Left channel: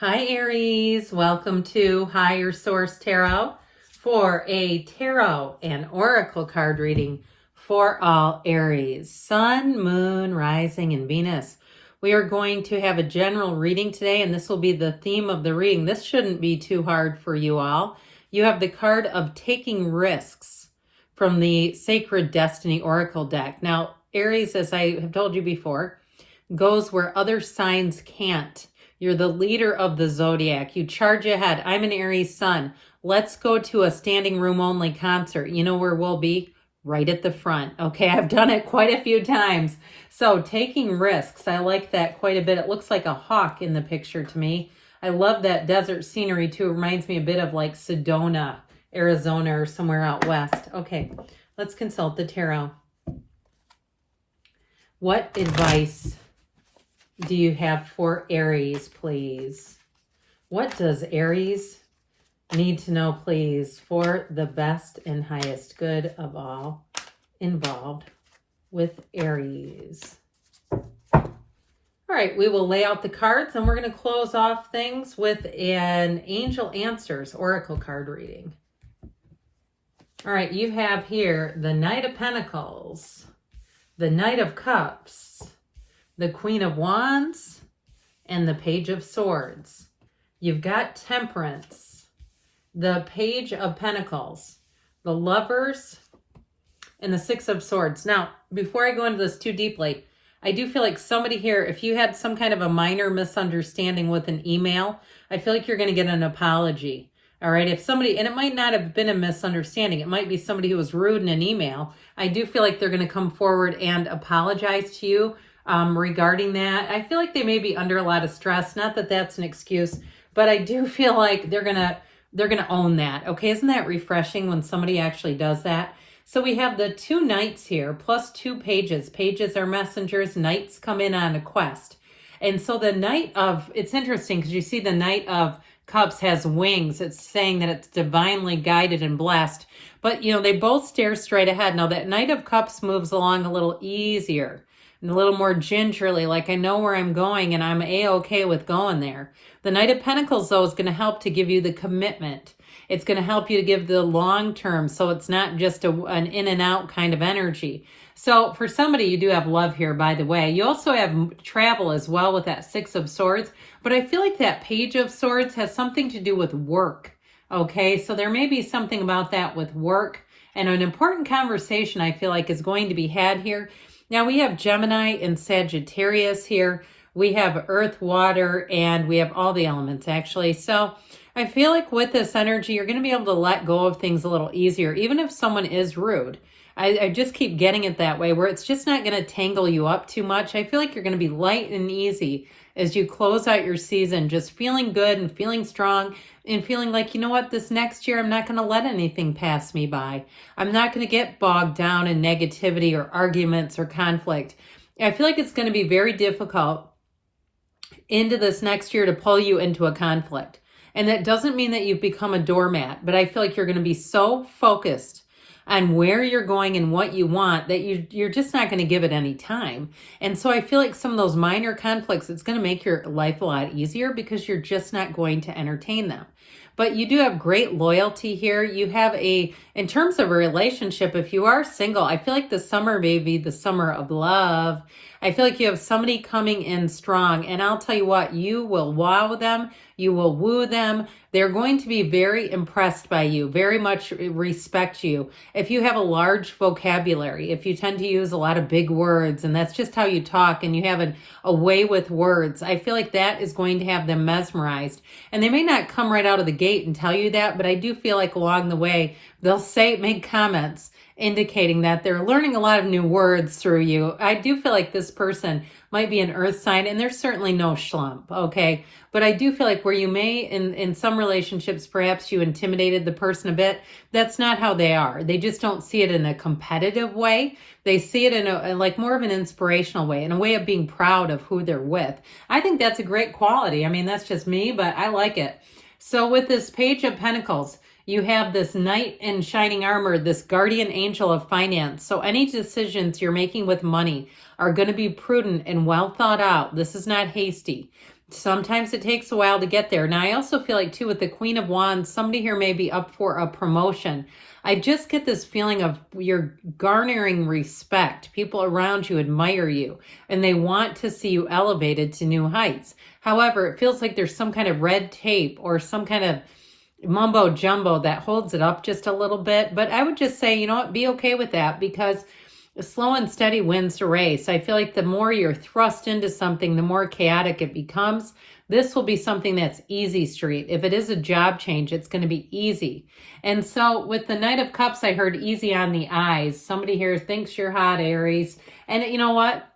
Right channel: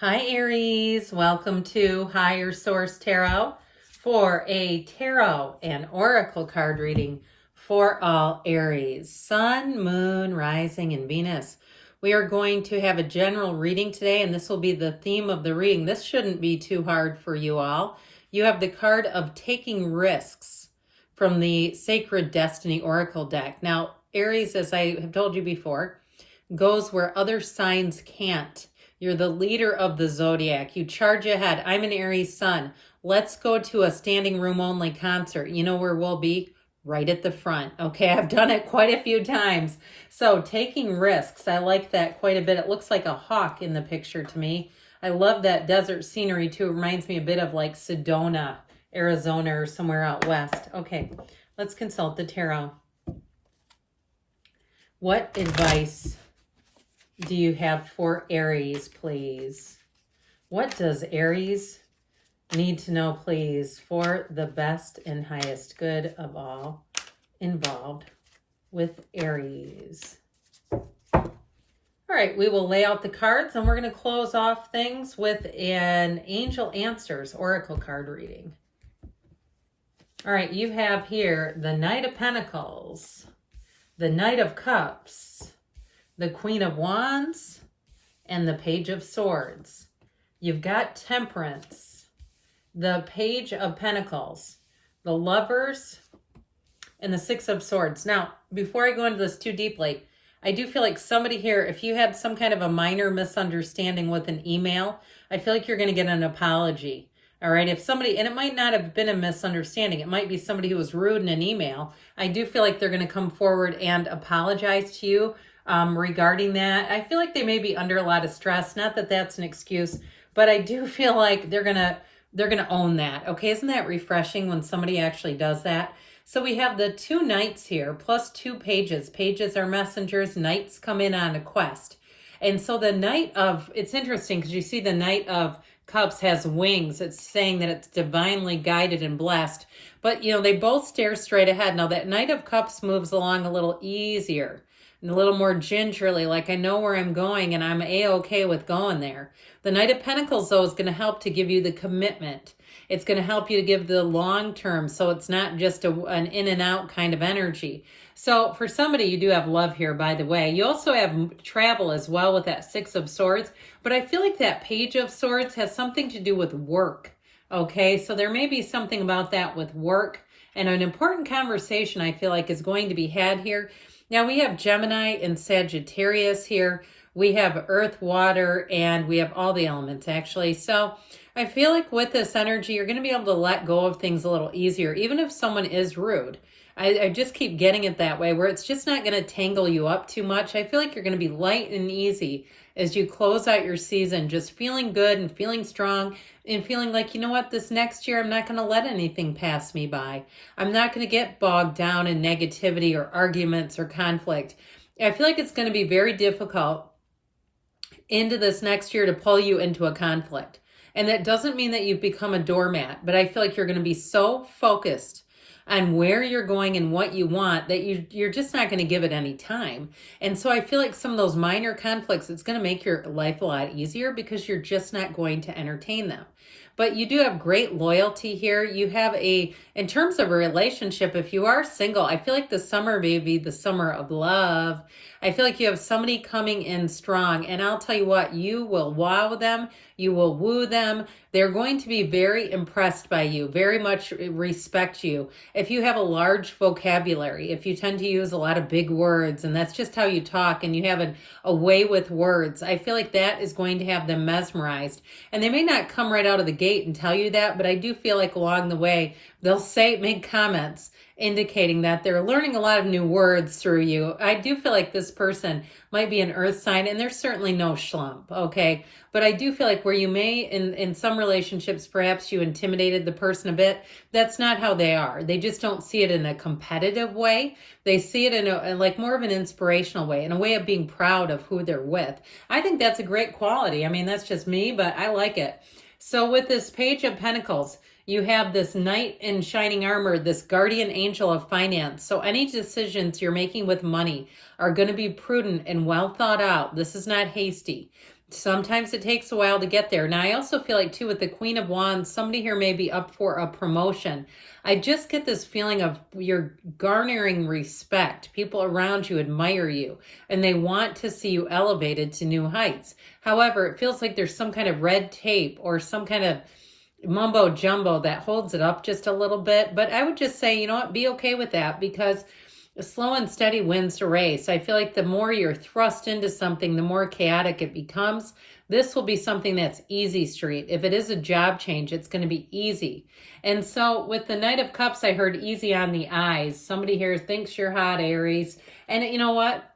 Hi Aries, welcome to Higher Source Tarot for a tarot and oracle card reading for all Aries, Sun, Moon, Rising, and Venus. We are going to have a general reading today, and this will be the theme of the reading. This shouldn't be too hard for you all. You have the card of taking risks from the Sacred Destiny Oracle deck. Now, Aries, as I have told you before, goes where other signs can't. You're the leader of the zodiac. You charge ahead. I'm an Aries sun. Let's go to a standing room only concert. You know where we'll be? Right at the front. Okay, I've done it quite a few times. So taking risks, I like that quite a bit. It looks like a hawk in the picture to me. I love that desert scenery too. It reminds me a bit of like Sedona, Arizona, or somewhere out west. Okay, let's consult the tarot. What advice do you have for Aries, please? What does Aries need to know, please, for the best and highest good of all involved with Aries? All right, we will lay out the cards and we're going to close off things with an Angel Answers Oracle card reading. All right, you have here the Knight of Pentacles, the Knight of Cups, the Queen of Wands, and the Page of Swords. You've got Temperance, the Page of Pentacles, the Lovers, and the Six of Swords. Now, before I go into this too deeply, I do feel like somebody here, if you had some kind of a minor misunderstanding with an email, I feel like you're going to get an apology. All right, if somebody, and it might not have been a misunderstanding, it might be somebody who was rude in an email. I do feel like they're going to come forward and apologize to you regarding that. I feel like they may be under a lot of stress. Not that that's an excuse, but I do feel like they're gonna own that. Okay, isn't that refreshing when somebody actually does that? So we have the two knights here, plus two pages. Pages are messengers. Knights come in on a quest. And so the Knight of, it's interesting because you see the Knight of Cups has wings. It's saying that it's divinely guided and blessed. But, you know, they both stare straight ahead. Now, that Knight of Cups moves along a little easier and a little more gingerly, like I know where I'm going and I'm A-okay with going there. The Knight of Pentacles, though, is going to help to give you the commitment. It's going to help you to give the long term, so it's not just an in and out kind of energy. So for somebody, you do have love here, by the way. You also have travel as well with that Six of Swords, but I feel like that Page of Swords has something to do with work, okay? So there may be something about that with work, and an important conversation I feel like is going to be had here. Now we have Gemini and Sagittarius here. We have earth, water, and we have all the elements actually. So I feel like with this energy, you're going to be able to let go of things a little easier, even if someone is rude. I just keep getting it that way, where it's just not going to tangle you up too much. I feel like you're going to be light and easy as you close out your season, just feeling good and feeling strong and feeling like, you know what, this next year, I'm not going to let anything pass me by. I'm not going to get bogged down in negativity or arguments or conflict. I feel like it's going to be very difficult into this next year to pull you into a conflict. And that doesn't mean that you've become a doormat, but I feel like you're going to be so focused on where you're going and what you want that you're just not going to give it any time. And so I feel like some of those minor conflicts, it's going to make your life a lot easier because you're just not going to entertain them. But you do have great loyalty here. You have in terms of a relationship, if you are single, I feel like the summer may be the summer of love. I feel like you have somebody coming in strong, and I'll tell you what, you will wow them. You will woo them. They're going to be very impressed by you, very much respect you. If you have a large vocabulary, if you tend to use a lot of big words, and that's just how you talk, and you have a way with words, I feel like that is going to have them mesmerized. And they may not come right out of the gate and tell you that, but I do feel like along the way, they'll make comments indicating that they're learning a lot of new words through you. I do feel like this person might be an earth sign, and they're certainly no schlump, okay? But I do feel like where you may, in some relationships, perhaps you intimidated the person a bit, that's not how they are. They just don't see it in a competitive way. They see it in like more of an inspirational way, in a way of being proud of who they're with. I think that's a great quality. I mean, that's just me, but I like it. So with this Page of Pentacles, you have this knight in shining armor, this guardian angel of finance. So any decisions you're making with money are going to be prudent and well thought out. This is not hasty. Sometimes it takes a while to get there. Now, I also feel like, too, with the Queen of Wands, somebody here may be up for a promotion. I just get this feeling of you're garnering respect. People around you admire you, and they want to see you elevated to new heights. However, it feels like there's some kind of red tape or some kind of mumbo jumbo that holds it up just a little bit. But I would just say, you know what, be okay with that, because slow and steady wins the race. I feel like the more you're thrust into something, the more chaotic it becomes. This will be something that's easy street. If it is a job change, it's going to be easy. And so with the Knight of Cups, I heard easy on the eyes. Somebody here thinks you're hot, Aries. And you know what?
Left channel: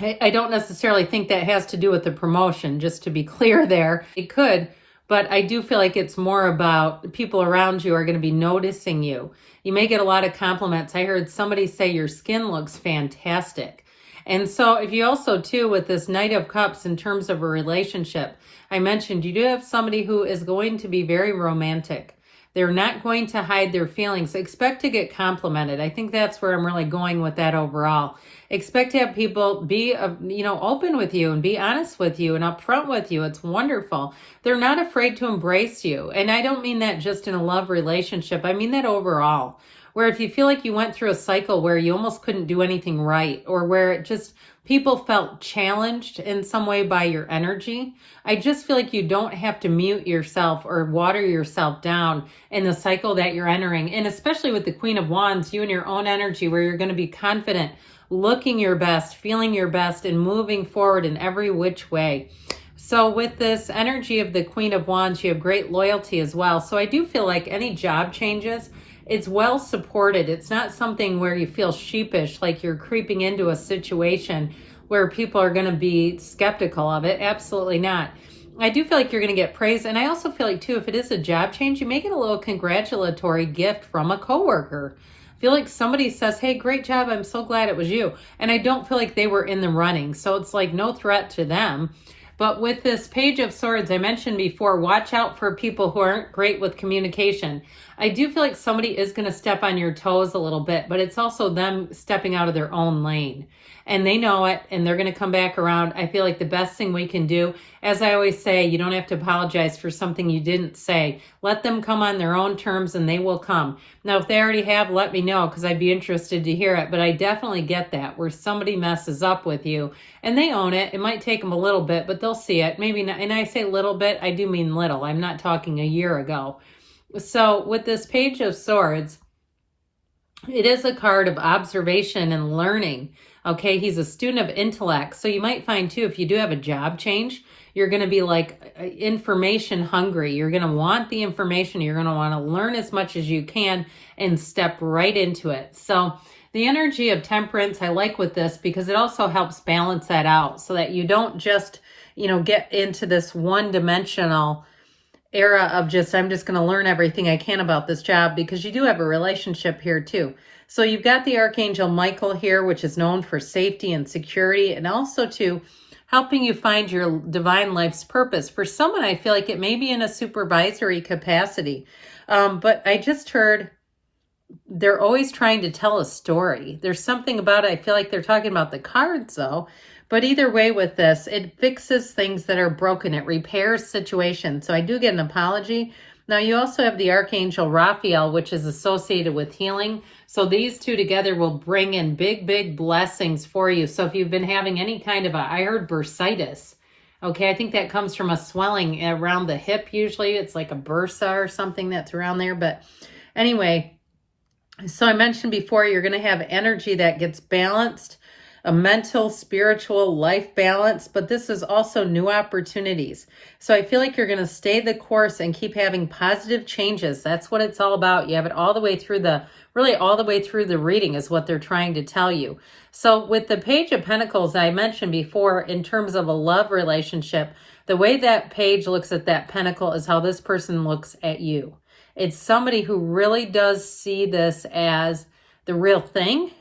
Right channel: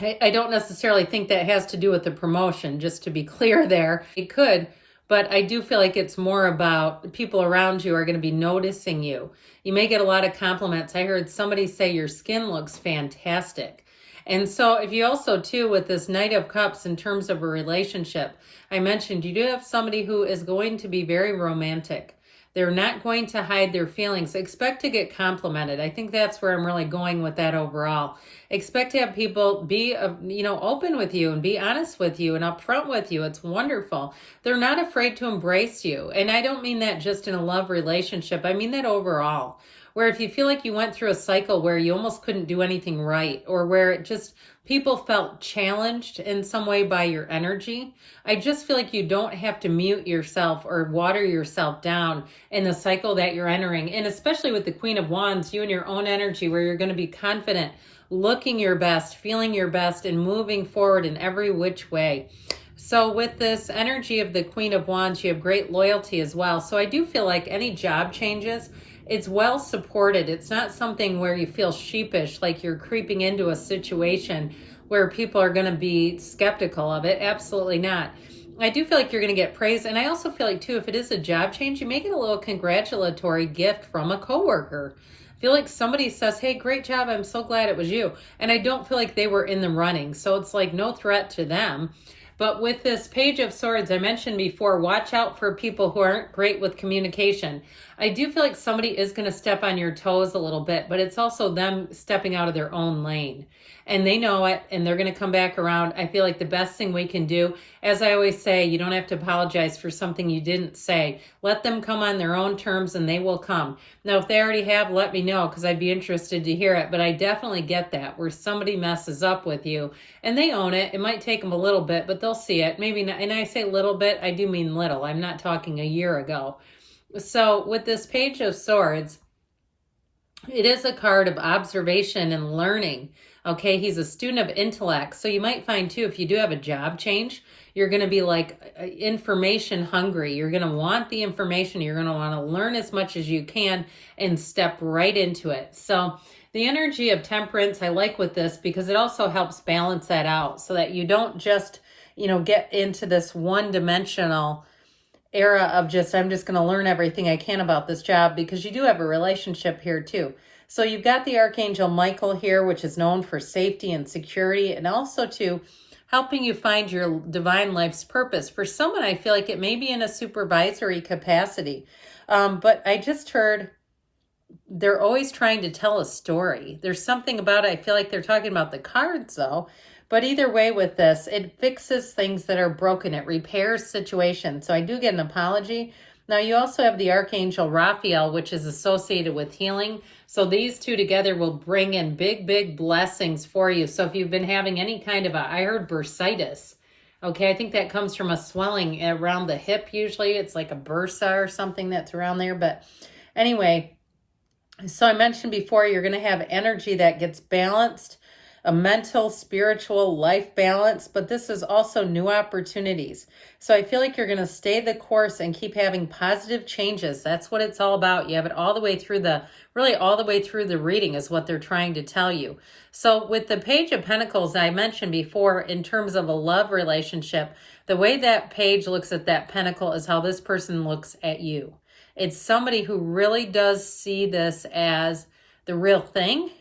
I don't necessarily think that has to do with the promotion, just to be clear there. It could, but I do feel like it's more about people around you are going to be noticing you. You may get a lot of compliments. I heard somebody say your skin looks fantastic. And so if you also, too, with this Knight of Cups in terms of a relationship, I mentioned you do have somebody who is going to be very romantic. They're not going to hide their feelings. Expect to get complimented. I think that's where I'm really going with that overall. Expect to have people be, open with you and be honest with you and upfront with you. It's wonderful. They're not afraid to embrace you. And I don't mean that just in a love relationship. I mean that overall, where if you feel like you went through a cycle where you almost couldn't do anything right, or where it just people felt challenged in some way by your energy, I just feel like you don't have to mute yourself or water yourself down in the cycle that you're entering. And especially with the Queen of Wands, you and your own energy, where you're going to be confident, looking your best, feeling your best, and moving forward in every which way. So with this energy of the Queen of Wands, you have great loyalty as well. So I do feel like any job changes, it's well supported. It's not something where you feel sheepish, like you're creeping into a situation where people are going to be skeptical of it. Absolutely not. I do feel like you're going to get praise. And I also feel like, too, if it is a job change, you may get a little congratulatory gift from a coworker. I feel like somebody says, hey, great job. I'm so glad it was you. And I don't feel like they were in the running. So it's like no threat to them. But with this Page of Swords, I mentioned before, watch out for people who aren't great with communication. I do feel like somebody is going to step on your toes a little bit, but it's also them stepping out of their own lane. And they know it, and they're going to come back around. I feel like the best thing we can do, as I always say, you don't have to apologize for something you didn't say. Let them come on their own terms, and they will come. Now, if they already have, let me know, because I'd be interested to hear it. But I definitely get that, where somebody messes up with you, and they own it. It might take them a little bit, but they'll see it. Maybe not. And I say little bit, I do mean little. I'm not talking a year ago. So with this Page of Swords, it is a card of observation and learning. Okay, he's a student of intellect. So you might find, too, if you do have a job change, you're going to be like information hungry. You're going to want the information. You're going to want to learn as much as you can and step right into it. So the energy of temperance, I like with this, because it also helps balance that out so that you don't just, get into this one-dimensional era of just, I'm just going to learn everything I can about this job, because you do have a relationship here too. So you've got the Archangel Michael here, which is known for safety and security, and also to helping you find your divine life's purpose. For someone, I feel like it may be in a supervisory capacity, but I just heard they're always trying to tell a story. There's something about it. I feel like they're talking about the cards though. But either way with this, it fixes things that are broken. It repairs situations. So I do get an apology. Now you also have the Archangel Raphael, which is associated with healing. So these two together will bring in big, big blessings for you. So if you've been having any kind of I heard bursitis. Okay, I think that comes from a swelling around the hip usually. It's like a bursa or something that's around there. But anyway, so I mentioned before, you're going to have energy that gets balanced, a mental, spiritual life balance, but this is also new opportunities. So I feel like you're going to stay the course and keep having positive changes. That's what it's all about. You have it all the way through all the way through the reading is what they're trying to tell you. So with the Page of Pentacles, I mentioned before, in terms of a love relationship, the way that page looks at that pentacle is how this person looks at you. It's somebody who really does see this as the real thing.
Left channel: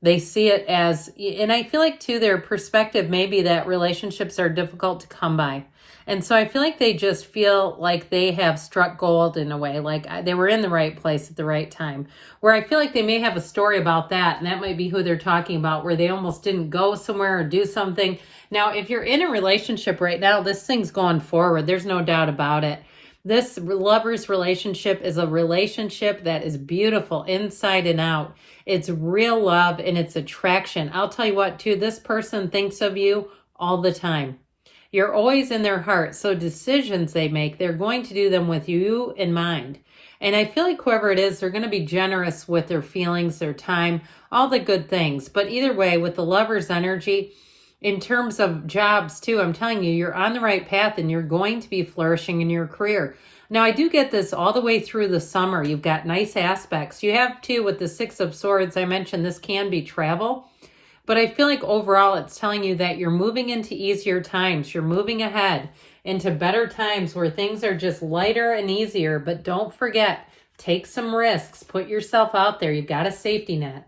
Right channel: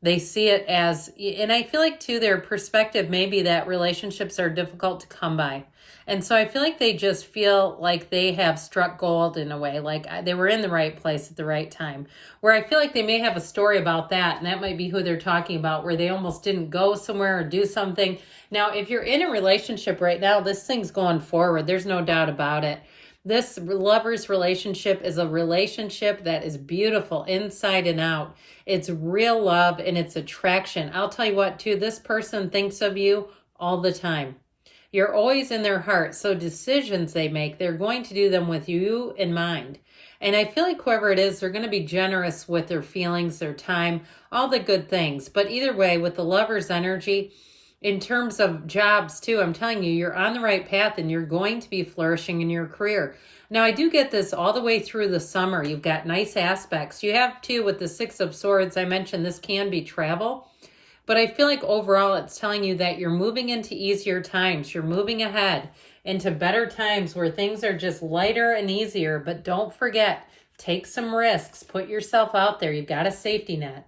They see it as, and I feel like too, their perspective may be that relationships are difficult to come by. And so I feel like they just feel like they have struck gold in a way, like they were in the right place at the right time. Where I feel like they may have a story about that, and that might be who they're talking about, where they almost didn't go somewhere or do something. Now, if you're in a relationship right now, this thing's going forward. There's no doubt about it. This lover's relationship is a relationship that is beautiful inside and out. It's real love and it's attraction. I'll tell you what, too, this person thinks of you all the time. You're always in their heart. So decisions they make, they're going to do them with you in mind. And I feel like whoever it is, they're going to be generous with their feelings, their time, all the good things. But either way, with the lover's energy, in terms of jobs too, I'm telling you, you're on the right path and you're going to be flourishing in your career. Now, I do get this all the way through the summer. You've got nice aspects. You have too with the Six of Swords. I mentioned this can be travel. But I feel like overall it's telling you that you're moving into easier times. You're moving ahead into better times where things are just lighter and easier. But don't forget, take some risks. Put yourself out there. You've got a safety net.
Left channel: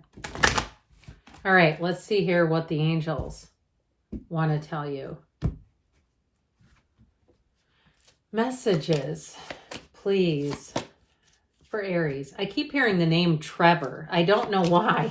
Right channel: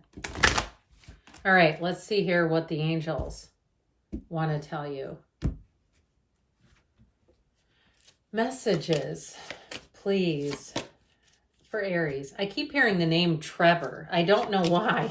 All right, let's see here what the angels want to tell you. Messages, please, for Aries. I keep hearing the name Trevor. I don't know why.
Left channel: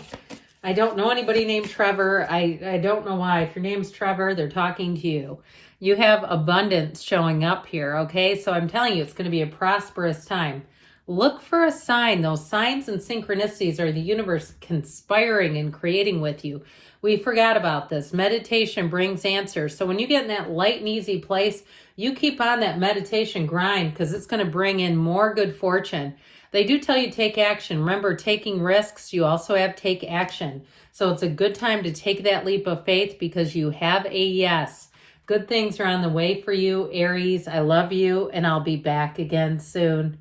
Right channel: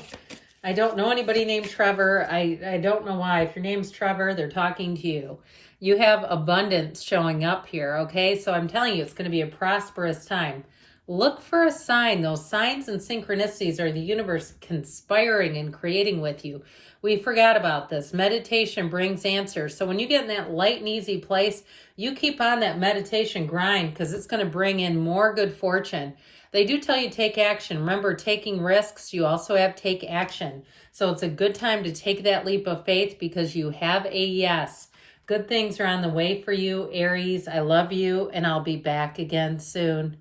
I don't know anybody named Trevor. I don't know why. If your name's Trevor, they're talking to you. You have abundance showing up here, okay? So I'm telling you, it's going to be a prosperous time. Look for a sign. Those signs and synchronicities are the universe conspiring and creating with you. We forgot about this. Meditation brings answers. So when you get in that light and easy place, you keep on that meditation grind because it's going to bring in more good fortune. They do tell you take action. Remember, taking risks, you also have take action. So it's a good time to take that leap of faith because you have a yes. Good things are on the way for you, Aries. I love you, and I'll be back again soon.